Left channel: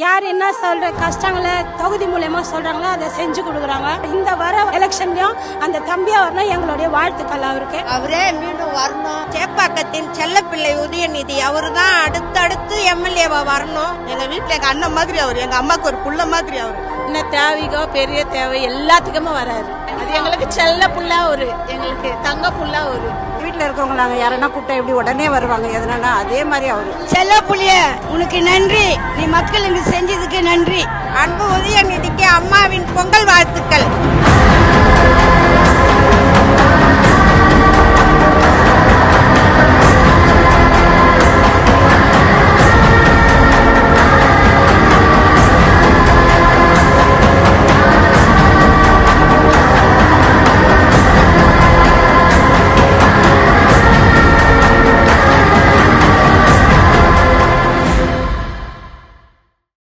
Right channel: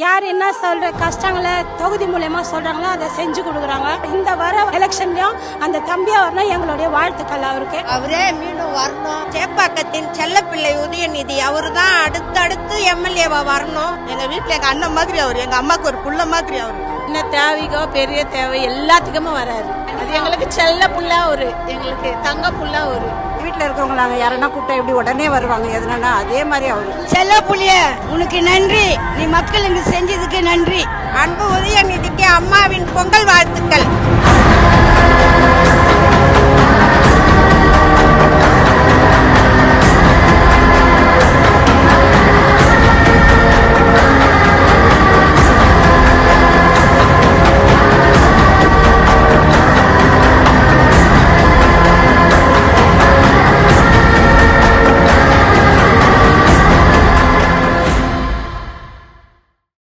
யார் என்ன சொல்ற கஷ்டங்களை தொகுதி மூலமா சொல்றாங்களோ அதை செஞ்சு கொடுக்குறாங்க. இந்த வர எலெக்ஷன்லயும் அந்த தம்பியா வரணும் எங்களுடைய வாழ்த்துக்கள். அவரே மீண்டும் வரணும். சேப்பாக்கத்தின் செல்லப்பிள்ளை உதயநிதி அவரு தான் அடுத்தடுத்து எம்எல்ஏவா வரணும். எங்க வீட்டுல எங்க அண்ணன் மாதிரி அவரு, எங்க அம்மாக்கு ஒரு புள்ள மாதிரி அவரு. என்ன தேவைக்கோ பெரிய தேவை எல்லாத்துக்குமே வராரு. அது எங்களுக்கு செல்ல புள்ளா ஒரு, எங்களுக்கு தங்க புள்ளா ஒரு. வீட்டுல இருக்கவங்க நாங்க யாரன்னா கூப்பிட்டா எப்படி உடனே வருவாங்க, எதனா அதே மாதிரி அவரு. செல்ல புள்ளிய உனக்கு நன்றி, நீ மக்களுக்கு செஞ்சதுக்கு நன்றி. அன்பு உதயநிதிக்கு அம்மாவின் பொங்கல் வாழ்த்துக்கள்.